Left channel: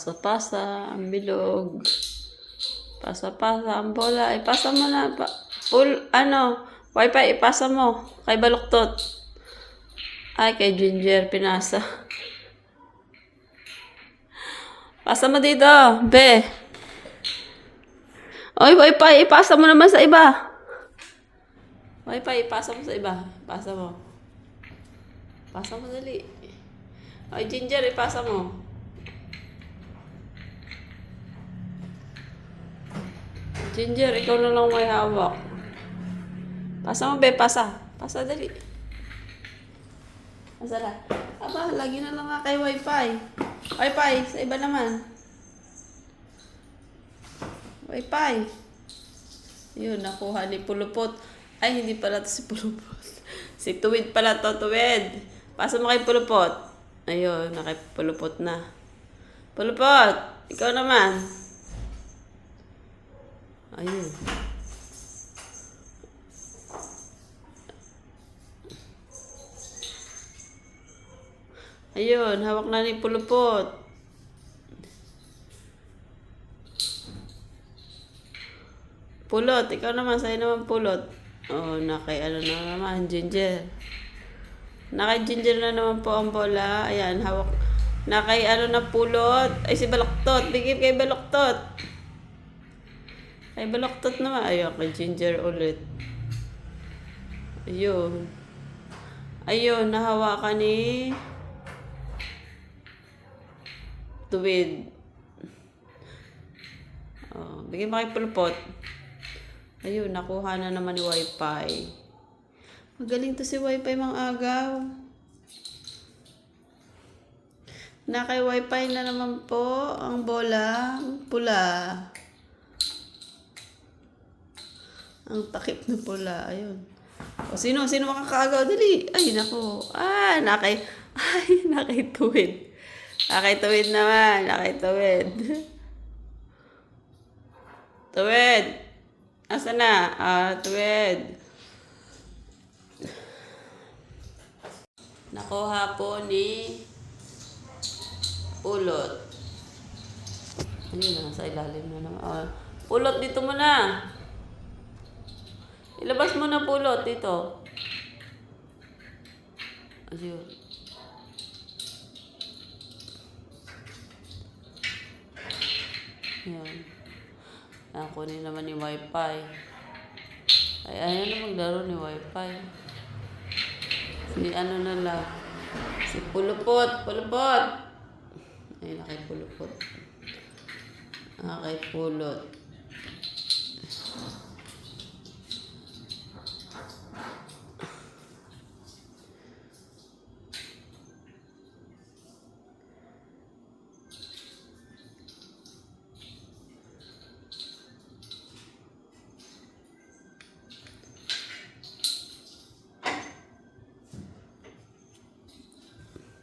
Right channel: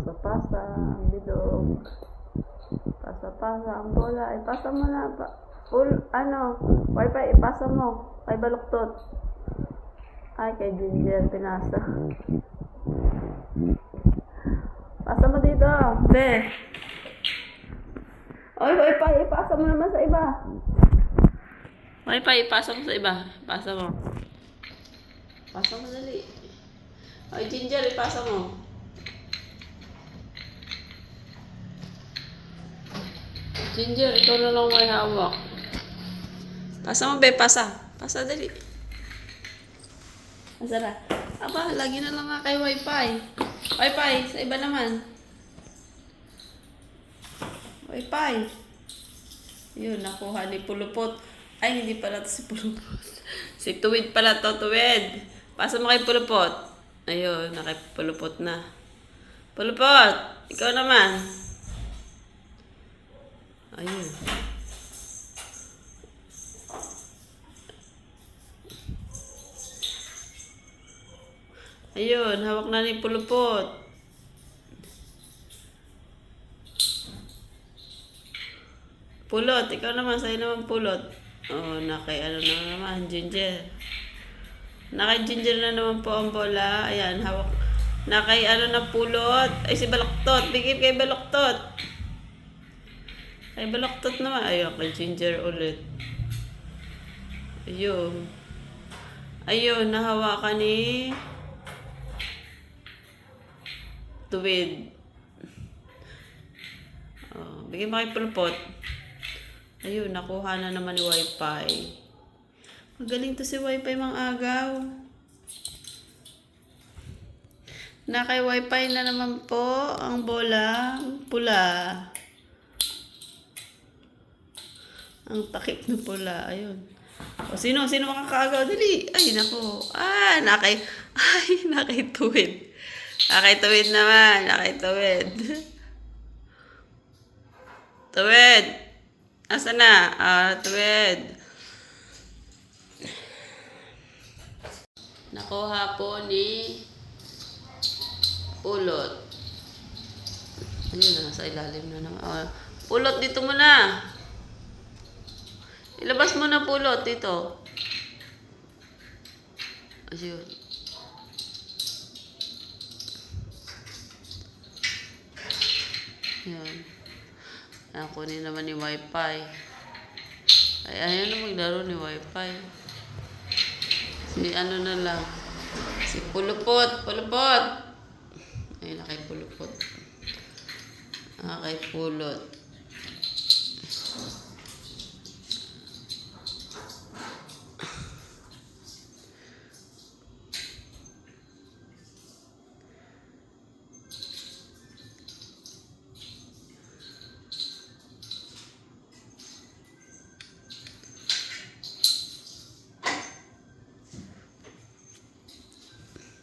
Pasa-pasa ang bilog. Pasa-pasa ang bola. Ipasa mo na. Wifi, ipasa mo. Kay Baluktot. Ay, kay Ginger, pinasa. Pasa mo dito, be. Oy, Wifi, ipasa mo naman sa iba. Wifi, ipasa mo sa iba. Ipasa mo. Pasa mo dali. Oy, Ginger, ipasa mo. Ginger, ikaw na lang may hawak. Pasa mo, be, pasa. Pasa dali. Masara. Aba, lagi na lang nga kay Wifi. Wifi, sa iba naman. Wifi. Yun, nakuha ni Pulupot. Ay, hindi pala to si Pulupot. Si Tuwid pala to, Tuwid. Pasa mo kay Pulupot. Ayun, nakipulupot na. Pulupot, ikaw naman. Ayun. Ayun, hawak na ni Pulupot. Pulot, ikaw naman, sa'yo naman Pulot. Oh, nakay ano na naman, Ginger. Nakay Ginger na naman po ang bola. Ayan, hawak. Nakay ano na Pulot. Ay, si Baluktot. Bigay kay Baluktot. Kay Baluktot naman. Ayun, kay Ginger ulit. Ayun. Ayun, nahawakan ni Tuwid. Oh, bigyan mo kay Pulupot. Ayun, nakuha na naman ni Wifi. Magaling to si Wifi, mga agaw. Nakay Wifi na naman po ang bola pula. Ang takip na pula. Ayun. O, sino makakaagaw? Dali. Ay, naku. Nakay Tuwid. Nakay Tuwid naman. Nakay Tuwid. Tuwid. Asa na? Tuwid. Nakuha po ni Pulot. Ayun na, nasa ilalim na naman. Pulot, dito mo na. Ilabas mo na, Pulot, dito. Ayun. Ayun. Ayan, kunin naman ni Wifi. Ay, ayaw na maglaro ni Wifi. Si ano na lang. Si Pulupot. Pulupot. Ay, nakay Pulupot. Kay Pulot.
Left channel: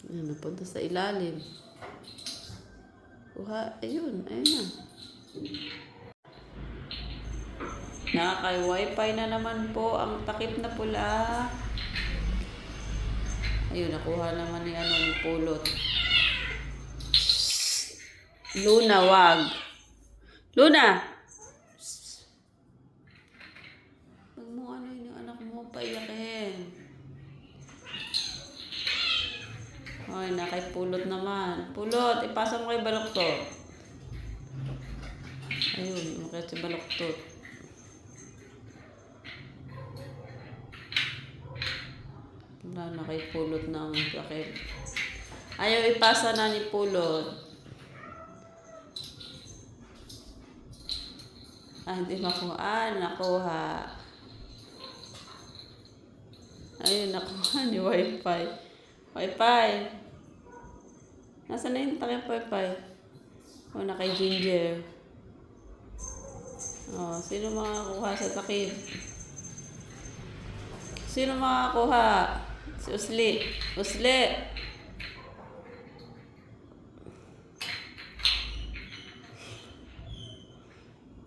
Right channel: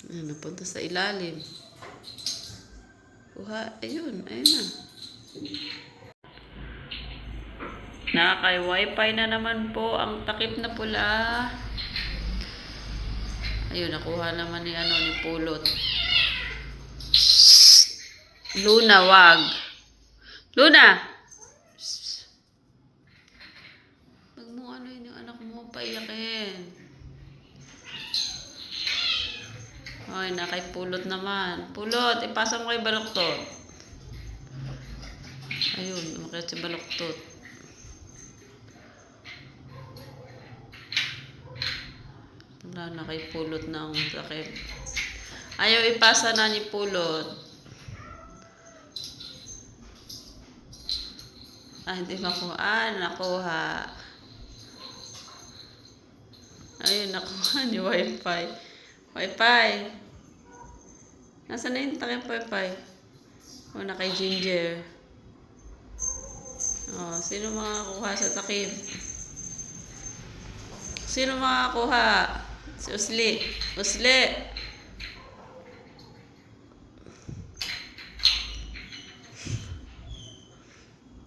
Ayan, napunta sa ilalim. Kuha, ayun na. Nakakay Wifi na naman po ang takip na pula. Ayun, nakuha naman ni Pulot. Luna, wag. Luna! Wag mo yung anak mo paiyakin. Ay, nakay Pulot naman. Pulot, ipasa mo kay Baluktot. Ayun, umakit si Baluktot. Wala, nakay Pulot na ang sakit. Ayaw ipasa na ni Pulot. Hindi makuha. Nakuha. Ayun, nakuha ni Wifi. Wifi. Nasaan na yung takip Wifi? O, nakay Ginger. O, sino makakakuha sa takip? Sino makakakuha? Si Usli. Usli.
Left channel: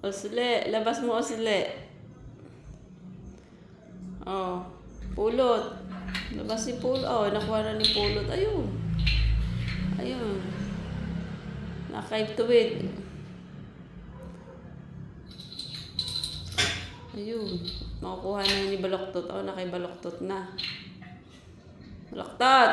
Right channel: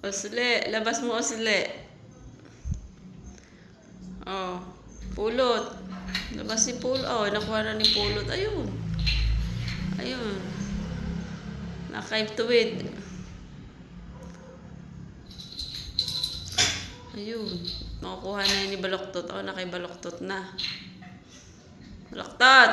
Usli. Labas mo, Usli. O, Pulot. Labas si Pulot. Oh, nakuha na ni Pulot. Ayun. Ayun. Nakay-tuwid. Ayun. Makukuha na yun ni Baloktot. Ako nakay Baloktot na. Baloktot!